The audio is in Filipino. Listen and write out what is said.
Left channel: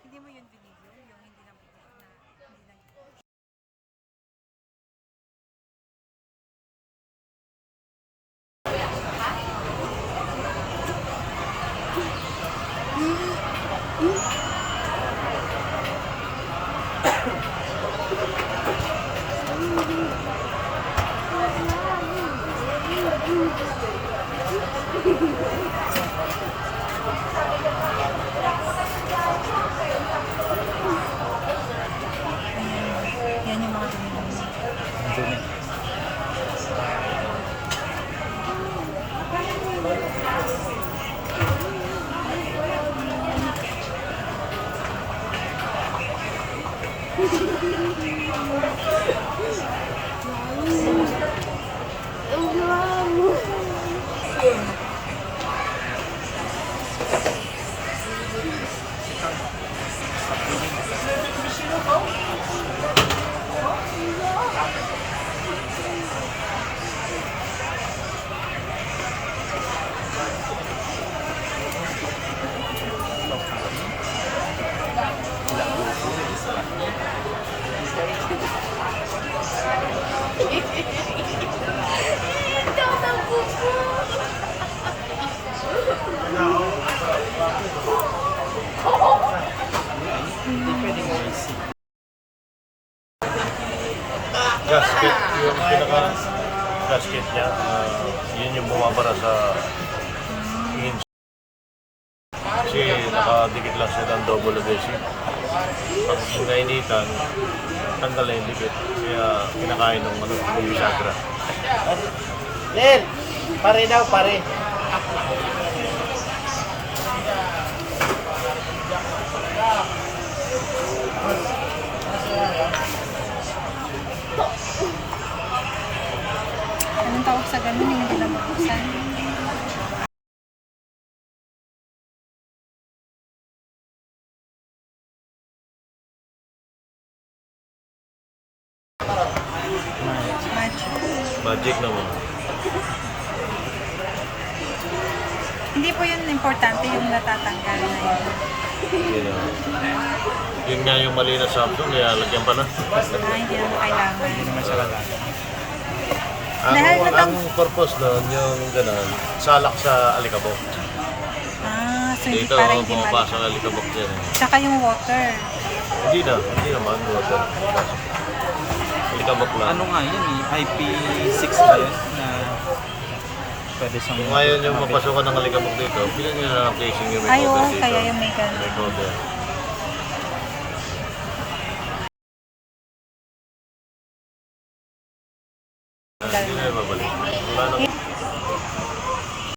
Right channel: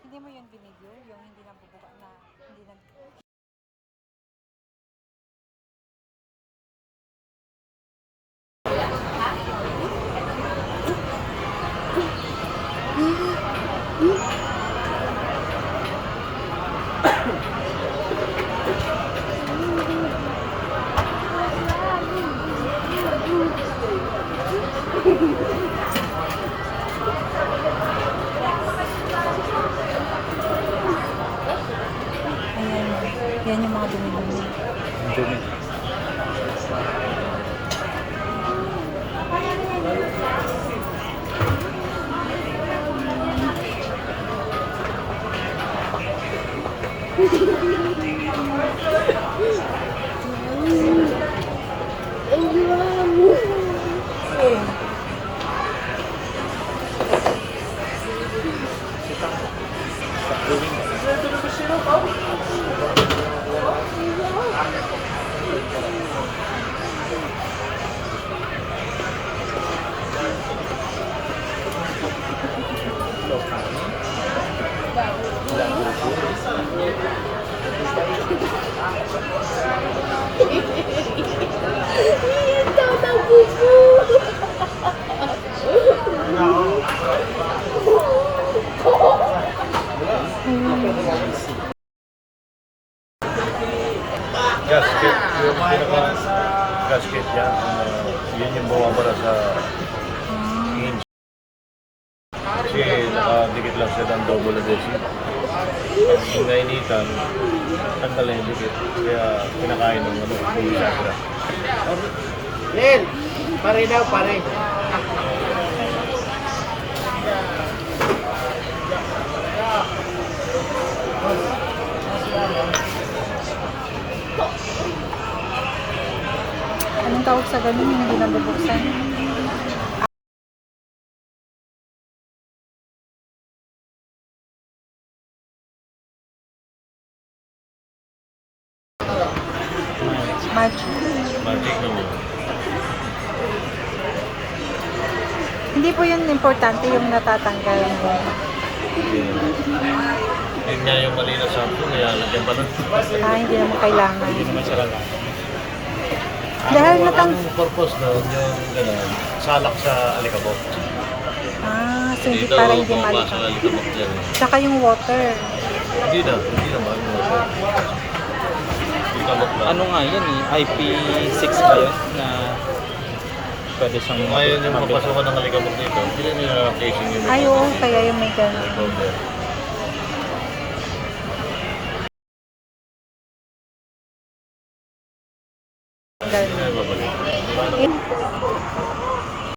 Hindi mo yun binidyo, yung hindi nabubuka na, hindi nag... Ayan, yan yung mga dumi-dumi. Dumi. Gasket, yung pinaka-gasket yan. Yun yung bumabara sa hinge. Kasi nakadikit lang siya ng double adhesive. Pag nainitan, tanggalin yung dikit. Kaya pinakain ng bisagra. Len, pare daw, pare. Anong tawag sa ganun yung hindi nabubuksan? Magic. Magic naman. Hindi po yun importante yung natatanggal na yun. Yun nga yung mali na sample, nilalagyan pa lang. Hindi naman kailangan. Ang, Dahil natang... ang purpose doon, yung gano'n, salak sa alikabok. So hindi para hindi pumapasok malika. ang alikabok dyan. Tsaka yung water. Hindi naman. Alikabok lang. Ano nga yun eh, IP6 ba yun na pwede siyang... Ngayon yung papasukan ng alikabok dito, hindi nyo na ang casing yung Ay, oo, kaya yung may ganun. recorder. Ganun. Hindi nyo babalik. Wala na.